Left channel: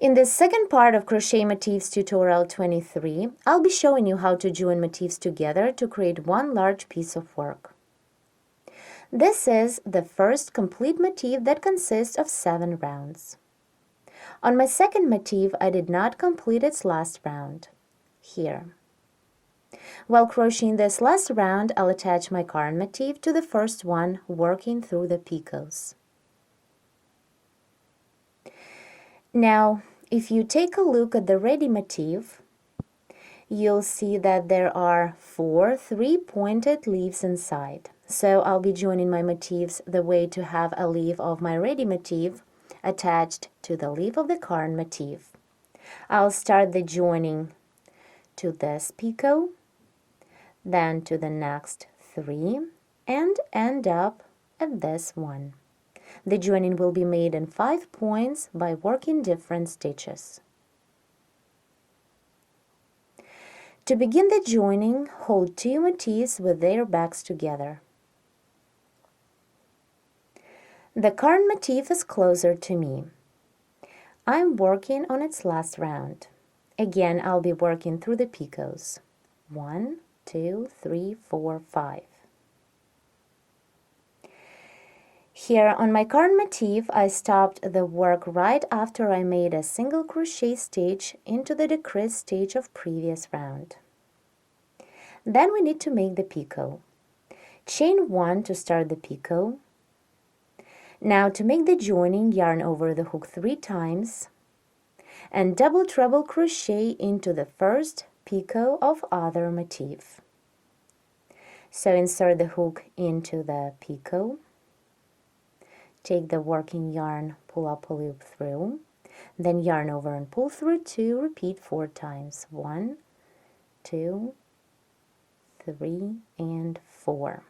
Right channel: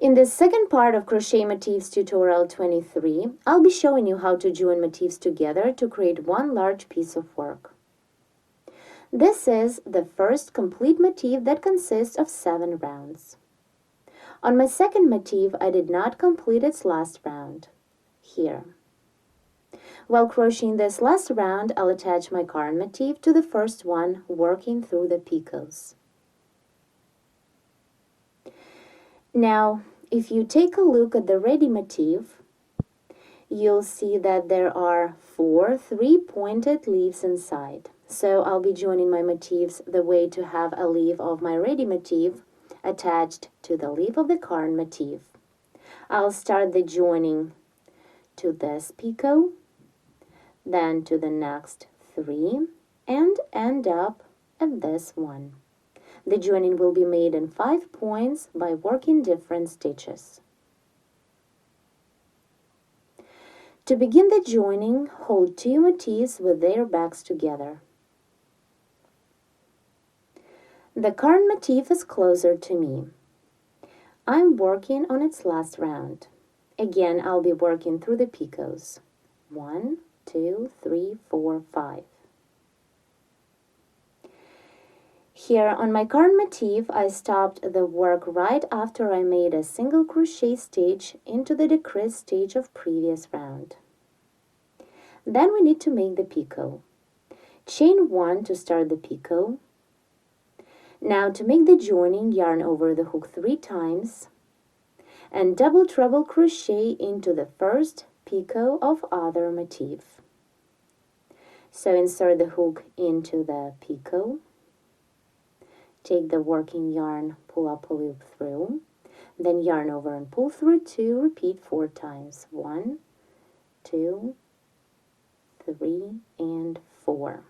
In the second part of Crochet Motifs tutorial 23, I'll be showing you how to join motifs together to create one large piece of work. This is the first complete motif that consists of 7 rounds. On my second motif, I did not complete its last round, here. While crocheting this last round, I'll attach my current motif to the first one, working through the picots. Now, if you take a look at the ready motif, you'll see that there are 4 3-pointed leaves inside. So I'll be joining my motifs the way to have a leaf of my ready motif attached to the leaf of the current motif. I'll start the joining to this picot, then to the next 3, and end up at this one. The joining will be made in 5 points by working different stitches. To begin the joining, hold 2 motifs with their backs together. The current motif is closer to me. I'm working on its last round. Again, I'll be working through the picots. 1, 2, 3, 4, 5. Here on my current motif, I stopped the work right after I made a single crochet stitch into the decrease stitch of previous round. Then we need to make the picot. Chain 1 to start the picot. Now to make the joining, yarn over the hook 3 times and double treble crochet into the first picot of other motif. So insert the hook into the picot. Take the working yarn, pull up a loop through, then yarn over and pull through 2, repeat 4 times. 1, 2, 3, and 4.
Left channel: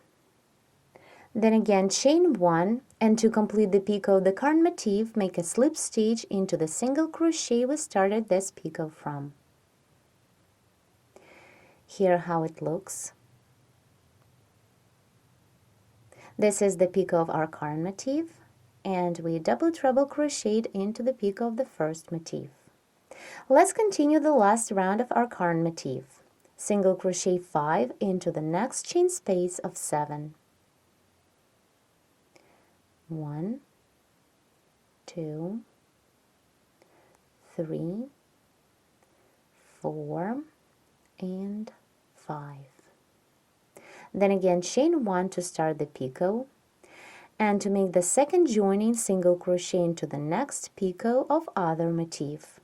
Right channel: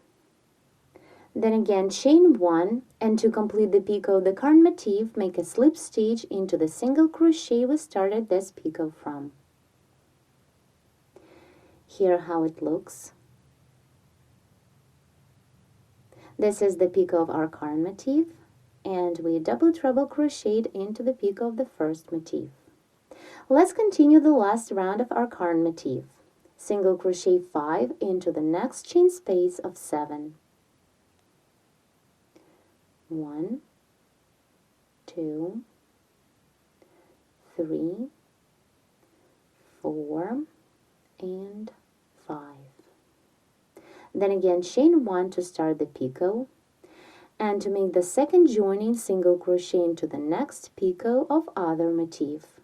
Then again chain 1, and to complete the picot of the current motif, make a slip stitch into the single crochet we started this picot from. Here how it looks. This is the picot of our current motif, and we double treble crocheted into the picot of the first motif. Let's continue the last round of our current motif. Single crochet 5 into the next chain space of 7. 1, 2, 3, 4, and 5. Then again chain 1 to start the picot, and to make the second joining, single crochet into the next picot of other motif.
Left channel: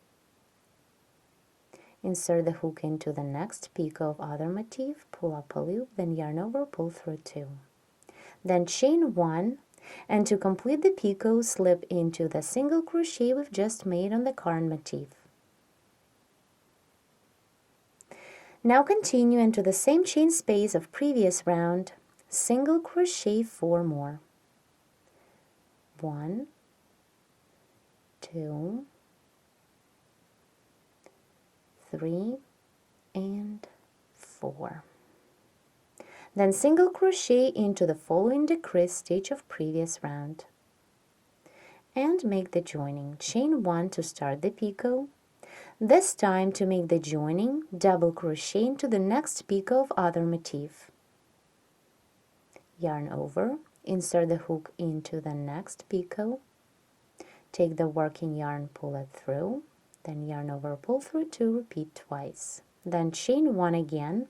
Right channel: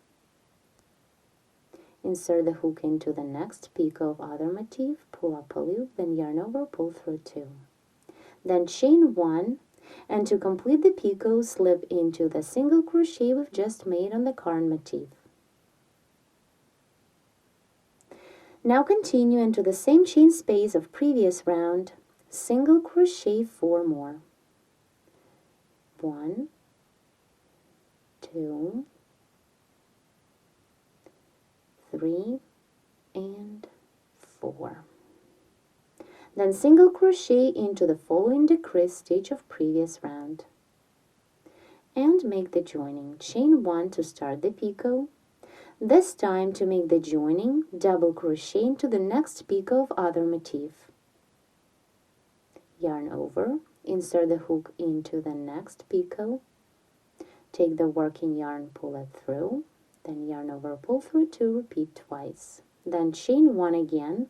Insert the hook into the next picot of other motif, pull up a loop, then yarn over, pull through 2. Then chain 1, and to complete the picot, slip into the single crochet we've just made on the current motif. Now continue into the same chain space of previous round, single crochet 4 more. 1, 2, 3, and 4. Then single crochet into the following decrease stitch of previous round and make the joining. Chain 1 to start the picot. This time to make the joining, double crochet into the next picot of other motif. Yarn over, insert the hook into the next picot, take the working yarn, pull it through, then yarn over, pull through 2, repeat twice. Then chain 1 again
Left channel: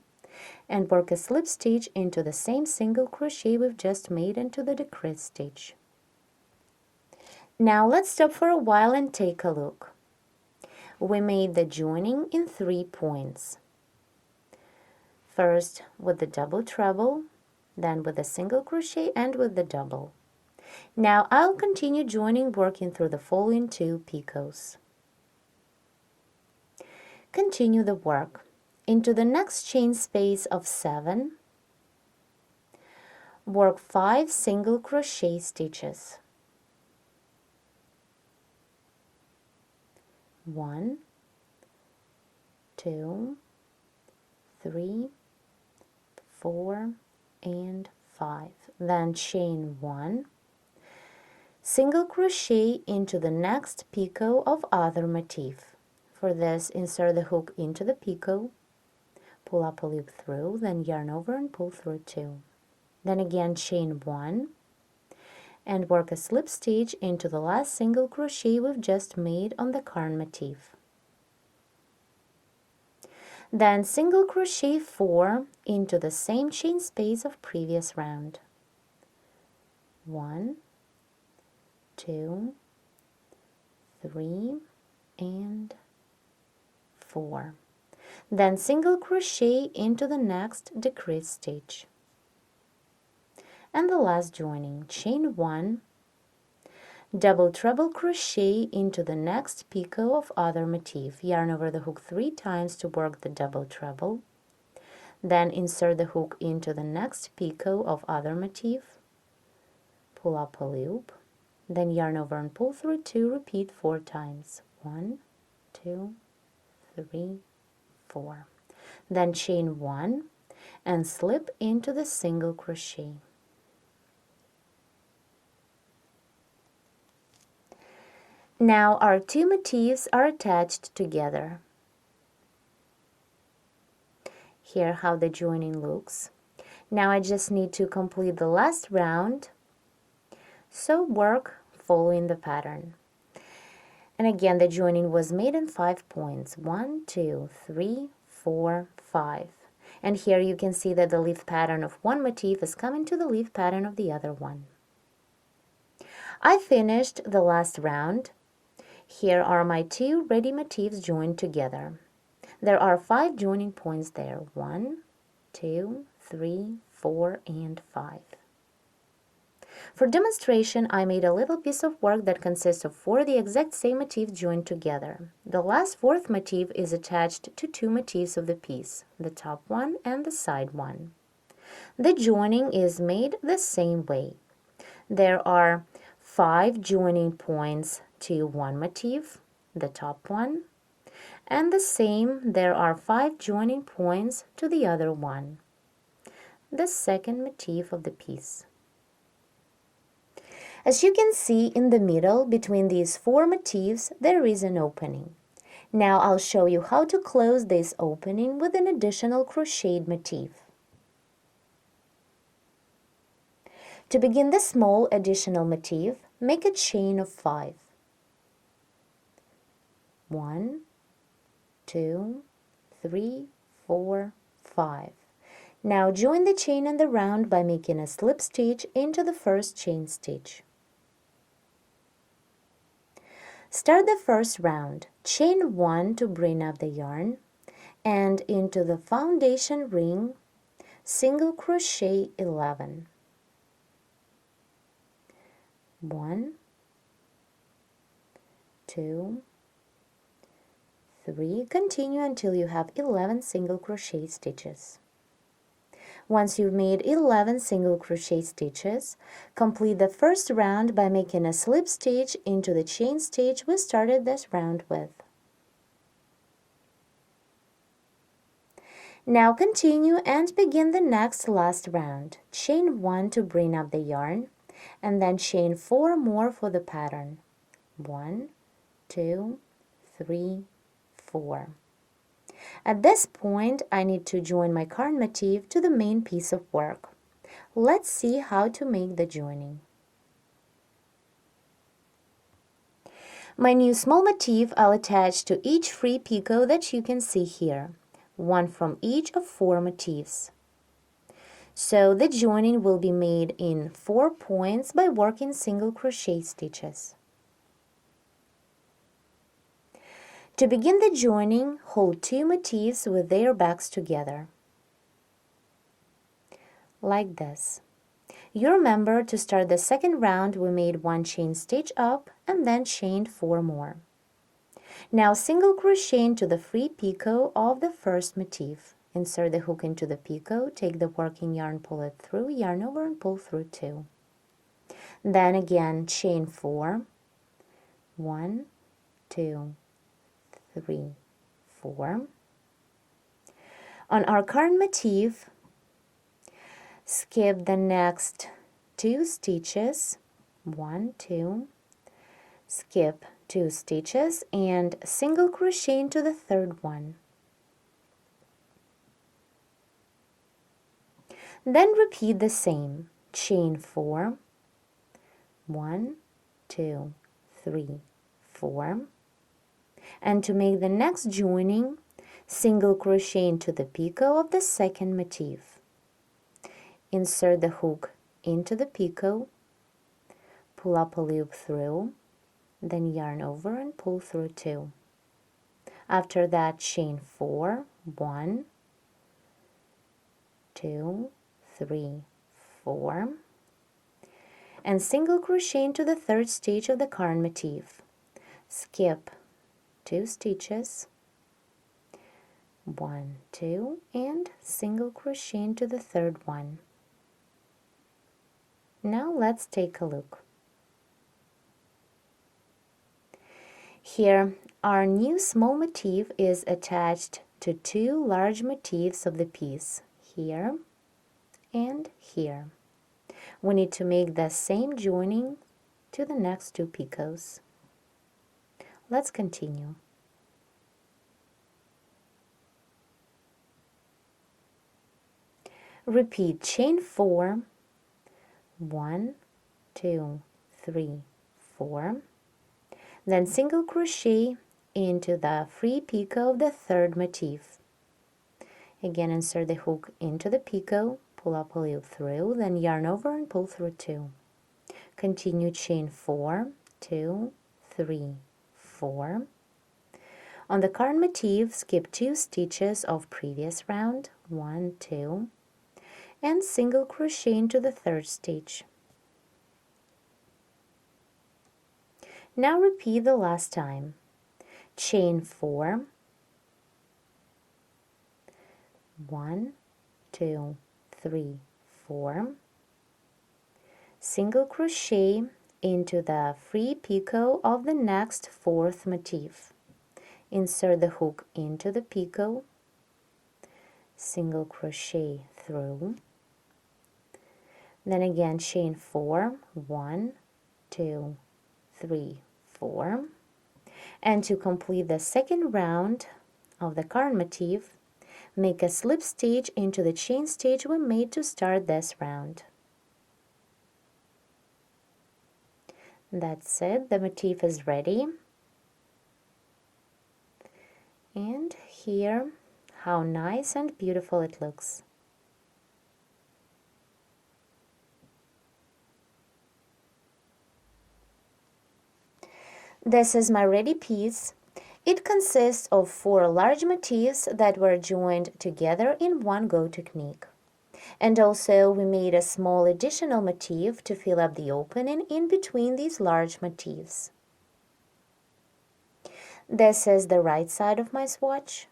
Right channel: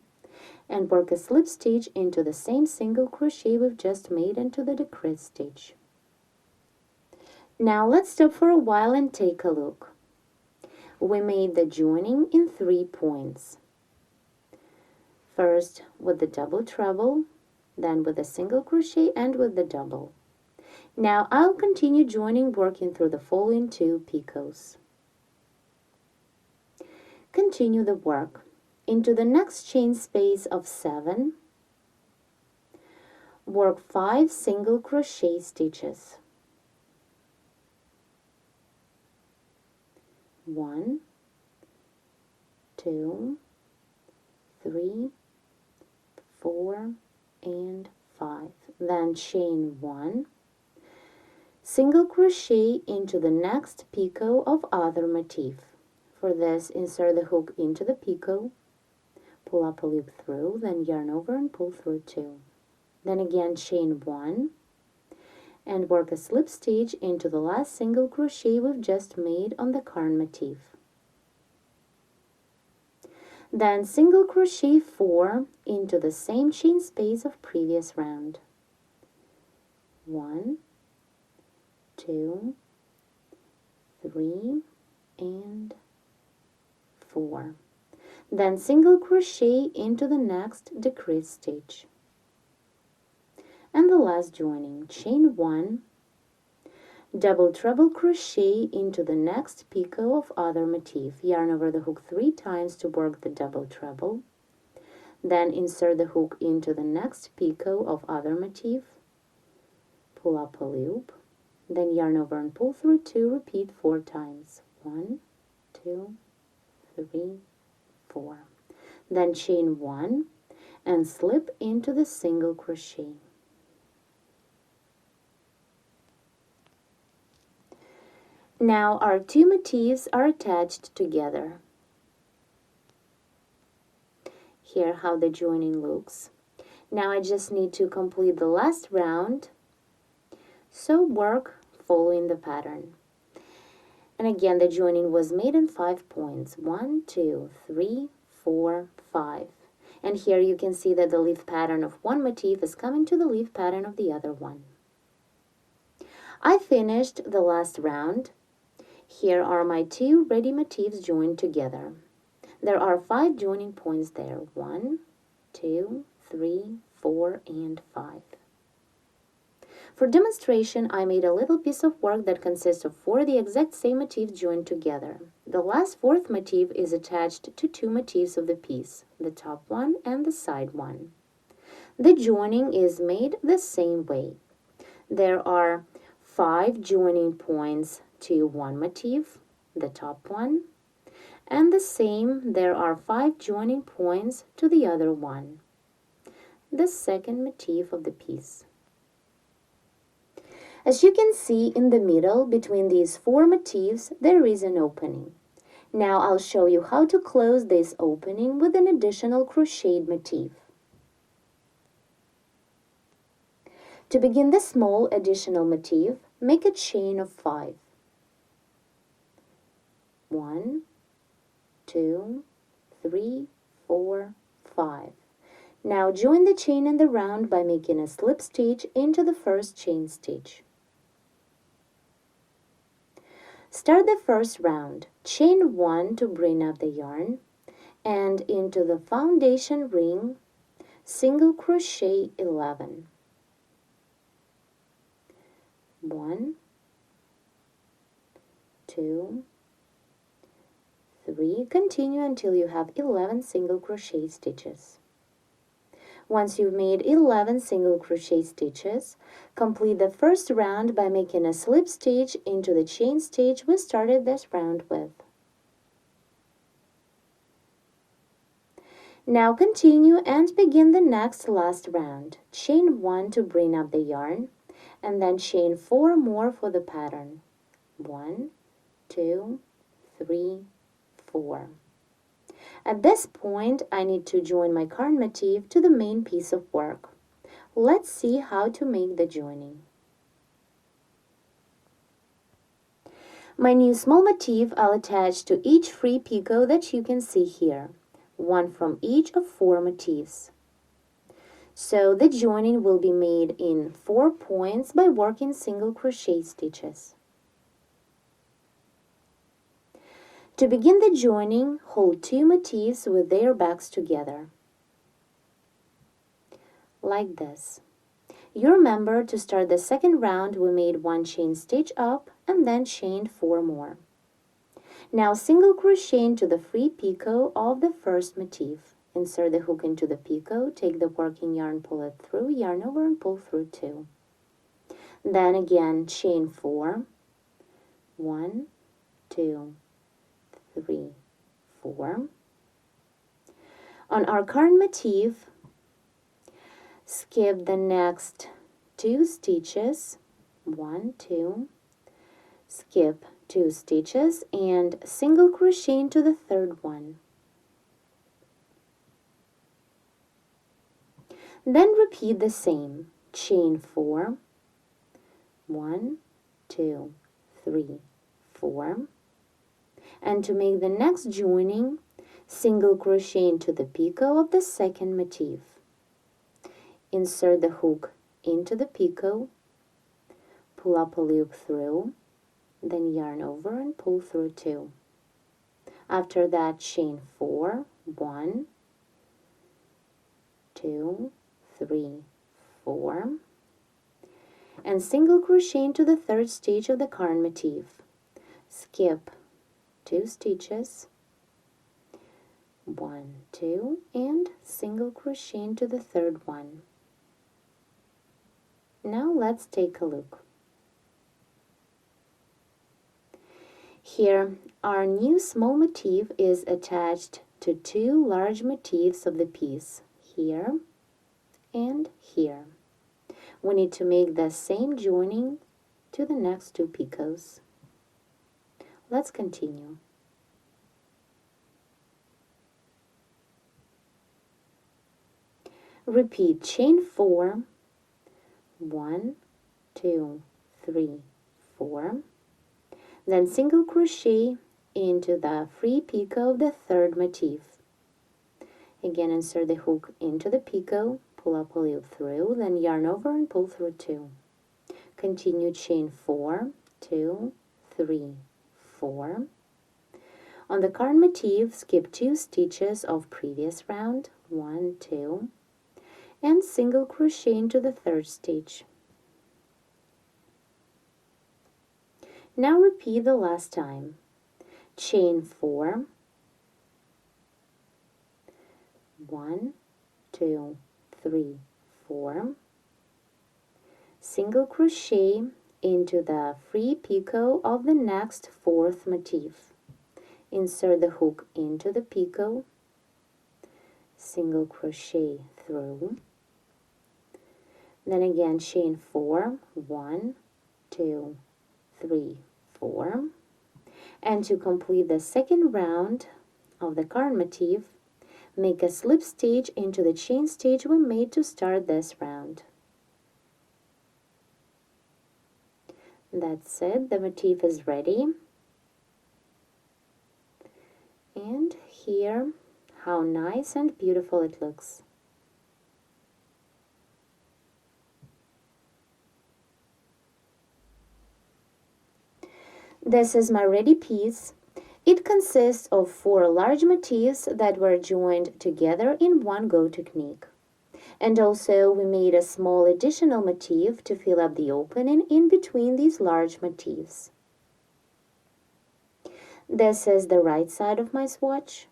and work a slip stitch into the same single crochet we've just made into the decrease stitch. Now let's stop for a while and take a look. We made the joining in 3 points. First with the double treble, then with a single crochet and with the double. Now I'll continue joining, working through the following 2 picots. Continue the work. Into the next chain space of 7, work 5 single crochet stitches. 1, 2, 3, 4, and 5. Then chain 1, Single crochet into the next picot of other motif. For this, insert the hook into the picot, pull up a loop through, then yarn over and pull through 2. Then again chain 1 and work a slip stitch into the last single crochet we've just made on the yarn motif. Then single crochet 4 into the same chain space of previous round. 1, 2, 3, and 4. Then single crochet into the next decrease stitch. And the last joining, chain 1, double treble crochet into the next picot of other motif. Yarn over the hook 3 times to work the double treble. Then insert the hook into the next picot of other motif. Pull up a loop. Then yarn over and pull through 2. Repeat 4 times. 1, 2, 3, 4. Then chain 1 and slip into the single crochet. Now our 2 motifs are attached together. Here how the joining looks. Now I just need to complete the last round, so work following the pattern. And again, the joining was made in 5 points. 1, 2, 3, 4, 5. And here you can see that the leaf pattern of one motif is coming to the leaf pattern of the other one. I finished the last round. Here are my 2 ready motifs joined together. There are 5 joining points there. 1, 2, 3, 4, and 5. For demonstration, I made a little piece of work that consists of 4 the exact same motifs joined together. The last 4th motif is attached to 2 motifs of the piece, the top one and the side one. The joining is made the same way. There are 5 joining points to one motif, the top one, and the same there are 5 joining points to the other one, the second motif of the piece. As you can see in the middle between these 4 motifs there is an opening. Now I'll show you how to close this opening with an additional crocheted motif. To begin the small additional motif, make a chain of 5. 1, 2, 3, 4, 5. Now join the chain and the round by making a slip stitch into the first chain stitch. Start the first round, chain 1 to bring up the yarn, and into the foundation ring, single crochet 11. 1, 2, 3, continue until you have 11 single crochet stitches. Once you've made 11 single crochet stitches, complete the first round by making a slip stitch into the chain stitch we started this round with. Now continue and begin the next last round. Chain 1 to bring up the yarn, and then chain 4 more for the pattern. 1, 2, 3, 4. At this point, I need to join my yarn motif to the main piece of work. Let's see how to make the joining. My new small motif I'll attach to each free picot that you can see here, one from each of 4 motifs. So the joining will be made in 4 points by working single crochet stitches. To begin the joining, hold 2 motifs with their backs together, like this. You remember to start the second round we made 1 chain stitch up and then chained 4 more. Now single crochet into the free picot of the first motif. Insert the hook into the picot, take the working yarn, pull it through, yarn over and pull through 2. Then again chain 4, 1, 2, 3, 4. On our current motif, skip the next 2 stitches 1, 2, skip 2 stitches and single crochet into the third one. Then repeat the same. Chain 4, 1, 2, 3, 4. And to make the next joining, single crochet into the picot of the second motif. Insert the hook into the picot, pull up a loop through, then yarn over and pull through 2. After that, chain 4, 1, 2, 3, 4, and single crochet into the third stitch of the current motif. Skip 2 stitches, 1, 2, and single crochet into the third one. Now let's take a look. Here, our new small motif is attached to 2 large motifs of the piece, here and here. We need to make the same joining to the next 2 picots. Let's continue. Repeat chain 4, 1, 2, 3, 4. Then single crochet into the free picot of the third motif. Again, insert the hook into the picot, pull up a loop through, then yarn over and pull through 2. Continue chain 4, 2, 3, 4. On the current motif, skip 2 stitches of previous round, 1, 2, and single crochet into the third stitch. Now repeat the last time. Chain 4, 1, 2, 3, 4. Single crochet into the free picot of the next 4th motif. Insert the hook into the picot, single crochet through, then again chain 4, 1, 2, 3, 4. And to complete the second round of the current motif, make a slip stitch into the chain stitch we made to start this round. That's it, the motif is ready. And here, how nice and beautiful it looks. This is my ready piece. It consists of 4 large motifs that were joined together in one go technique. And also we made a small additional motif to fill up the opening in between these large motifs. This is the right side of my swatch.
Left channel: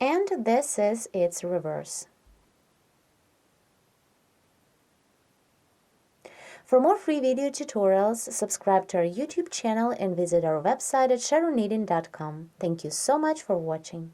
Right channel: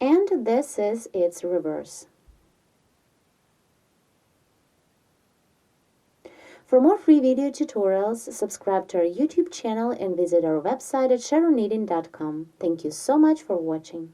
And this is its reverse. For more free video tutorials, subscribe to our YouTube channel and visit our website at sharonknitting.com. Thank you so much for watching.